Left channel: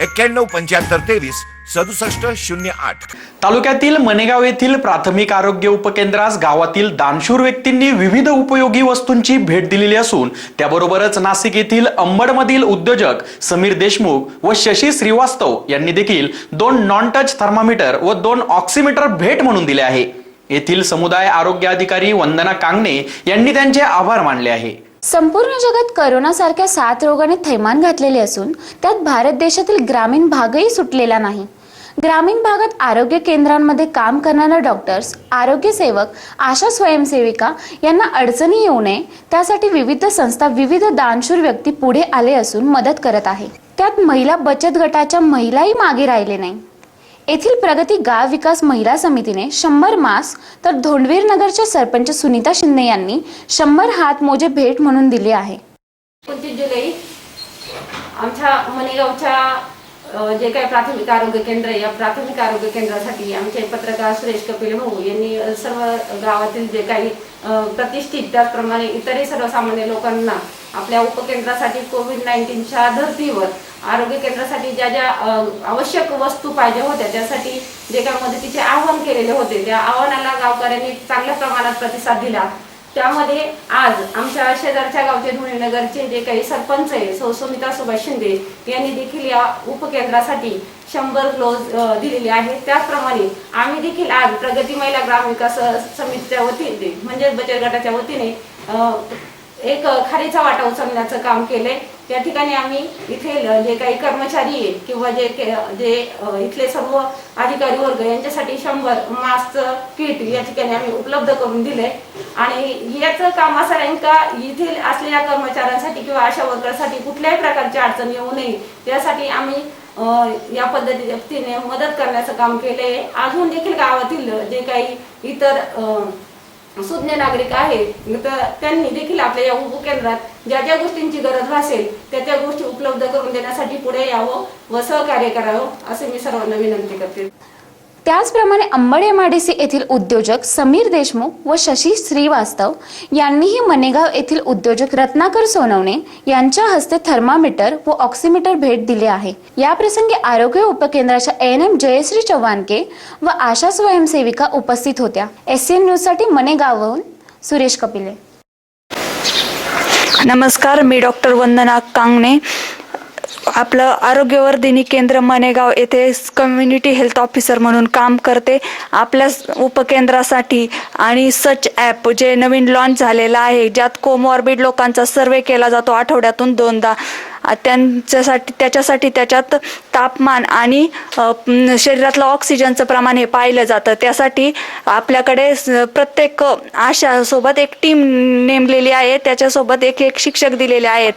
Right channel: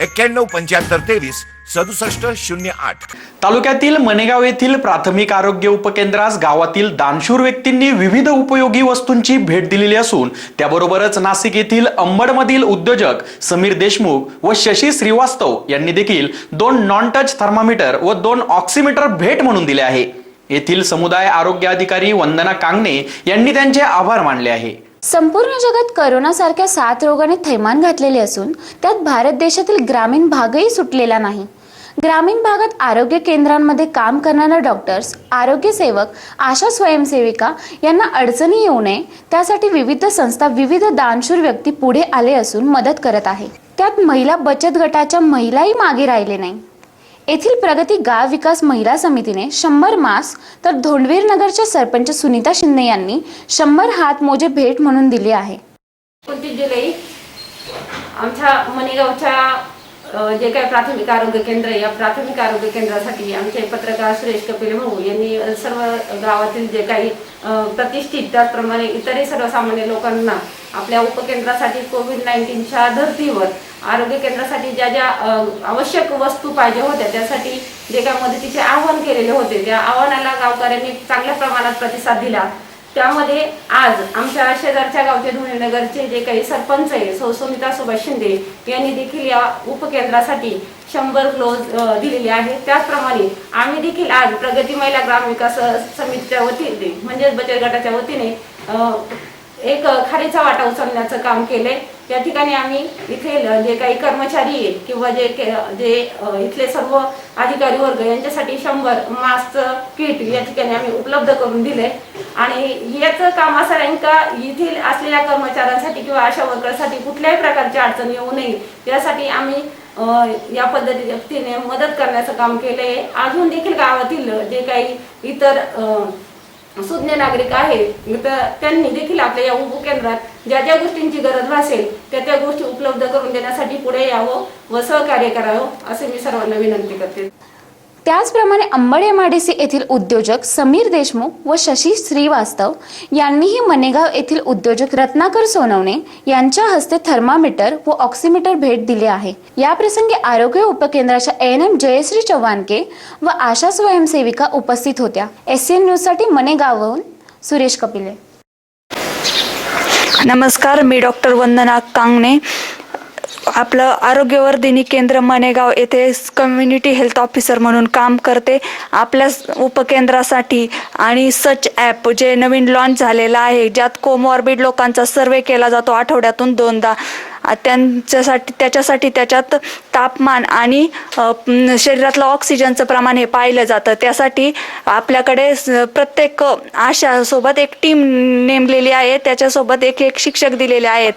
एक्क्याण्णव पंच्याहत्तर तेवीस सदुसष्ट शून्य आठ. तालुक्यातील मनेगाव येथील प्राथमिक आरोग्य उपकेंद्रास गावातील दानशूर व्यक्तींनी विविध उपयोगी वस्तूंची भेट दिलेली असून त्याबरोबरच नाशिक येथील अंबडमधील उद्योजक समीर देशमुख व शशी श्रीवास्तव यांनी देखील दोन नॉन टच थर्मामीटर व दोन ऑक्सिमीटर भेट म्हणून दिले आहे. येथील समुदाय आरोग्य अधिकारी वंदना कांगणे यांनी त्यांचे आभार मानले आहे. संपूर्ण जगात करोनासारख्या साथ रोगाने थैमान घातलेले असून त्यात भारत देशातील ग्रामीण भागही सुटलेला नाही. ग्रामीण भागात आरोग्य केंद्रांमध्ये काम करणाऱ्या डॉक्टर्स आरोग्य सेवक आशा स्वयंसेविका यांना अडचणी येऊ नये त्यासाठी विविध संस्था विविध दानशूर व्यक्ती पुढे आले असून मदत करत आहे. त्यात महिला बचत गटाच्या महिलाही मागे राहिले नाही येथील प्रगती गाव विकास महिला समितीने शंभर मास्क तर धोंडवीर नगरच्या सरपंच सुनीता शिंदे यांनी शंभर हात मोजे भेट म्हणून दिले आहे. एकोणतीस जुलै आमच्या मणेगावच्या जे काही प्राथमिक आरोग्य केंद्र आहे या प्राथमिक आरोग्य केंद्रासाठी आमचे पत्रकार सुरेश कपिल भाऊ यांनी सर्व गावातील जे काही प्रतिष्ठित त्याचप्रमाणे इतरही सर्वसामान्य लोकांना आपल्या उपकेंद्रासाठी कोविड नाईन्टीनच्या धर्तीवर आरोग्य केंद्रासाठी ज्या ज्या आवश्यक वस्तू पाहिजे होत्या त्यासाठी जे काही मदतीचे आवाहन केलेले होते त्या आव्हानाला गावकऱ्यांनी चांगल्या प्रमाणात प्रतिसाद दिला. त्यामध्ये आज आमच्या शेजारच्या गावचे धुळेनगरचे जे काही सरपंच आहे सौ सुभाष शिंदे यांनी देखील या उपकेंद्रासाठी शंभर क्लोज दिलेले आहेत त्याचप्रमाणे आम्ही देखील आज प्रगती महिला ग्राम विकास समितीच्या वतीने म्हणजेच बचत गटाच्या वतीने एक खारीचा वाटा उचलण्याचं काम केलंय. त्या ठिकाणी आम्ही इथे जे काही कर्मचारी आहेत किंवा जे जे इथले सर्व अधिकारी वर्ग यांच्यासाठी शंभर मास्क किट या ठिकाणी आम्ही उपलब्ध करून दिले आणि याचं काम असं राहील का येथील असलेल्या कर्मचाऱ्यांसाठी किंवा अशा वर्करसाठी कुठल्याही प्रकारची अडचण येऊ नये. यासाठी आम्ही या पद्धतीने मदत करण्याचं काम केलंय. अजून देखील गावातील जे काही इतर अ, सुज्ञ नागरिक आहेत तर त्यांनी देखील आपल्या या उपकेंद्रात ज्या ज्या गोष्टींची गरज भासेल त्या त्या गोष्टी उपलब्ध करून देण्यासाठी पुढे यावं व सहकार्य करावं असे मी सर्वांना विनंती करते. त्याचप्रमाणे अंबड माडेसी येथील उद्योजक समीर देशमुख व शशी श्रीवास्तव यांनीही मनेगाव येथील उद्योजक रत्नाकर सोनवणे यांच्या हस्ते थर्मामीटर व ऑक्सिमीटर भेट दिले आहे. याप्रसंगी आरोग्य उपकेंद्राच्या एन एम जयश्री चव्हाणके व आशा स्वयंसेविका उपस्थित होत्या. एस एन न्यूजसाठी मनेगावहून सुरेश कपिले. नमस्कार मी डॉक्टर वंदना कांगणे. आपलं आरोग्यवर्धिनी केंद्र मनेगाव येथे कम्युनिटी हेल्थ ऑफिसर म्हणून काम करते. आपल्या उपकेंद्रासाठी आणि सच ॲप जे नवीन लॉन्च झालेलं आहे ज्यात कोमॉर्बिड लोकांचा सर्वे केला जातो आठवड्यातून दोनदा. त्यांच्यासाठी त्याच्यासाठी त्याच्यात तापमान आणि शरीरातलं ऑक्सिजनचं प्रमाण हे पाहिलं जातं. त्यासाठी आपल्याकडे प्रत्येक आशासोबत एक टीम नेमलेली आहे. त्याच्यासोबत एक एक शिक्षक दिलेले आहेत.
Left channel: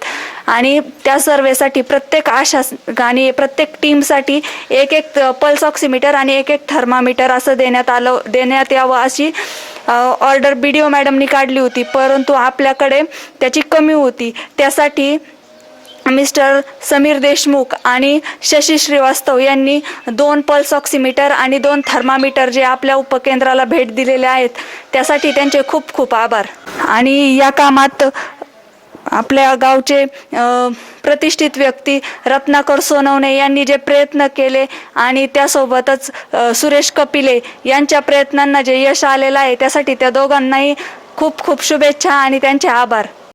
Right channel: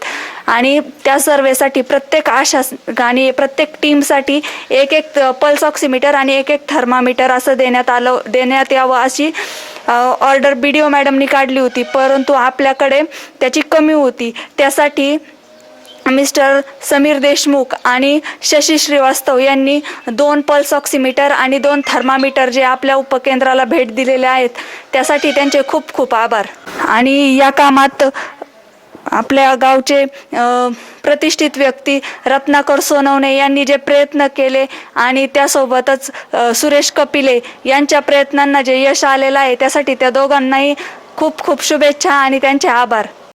आणि त्या सर्वेसाठी प्रत्येक आशा आणि प्रत्येक टीमसाठी एक एक पल्स ऑक्सिमीटर आणि एक एक थर्मामीटर असं देण्यात आलं देण्यात यावं अशी ऑर्डर बी डी ओ मॅडमनी काढली होती. परंतु आपल्याकडे त्याची कमी होती. त्यासाठी मिस्टर समीर देशमुख आणि शशी श्रीवास्तव यांनी दोन पल्स ऑक्सिमीटर आणि दोन थर्मामीटर जे आपल्या उपकेंद्राला भेट दिलेले आहेत त्यासाठी त्यांचे खूप खूप आभार. आणि या कामात आपल्या गावचे प्रतिष्ठित व्यक्ती रत्नाकर सोनवणे यांनी जे प्रयत्न केले आणि त्यासोबतच सुरेश कपिले यांच्या प्रयत्नांना जे यश आलेलं आहे त्यासाठी त्या दोघांनाही खूप खूप शुभेच्छा आणि त्यांचे आभार.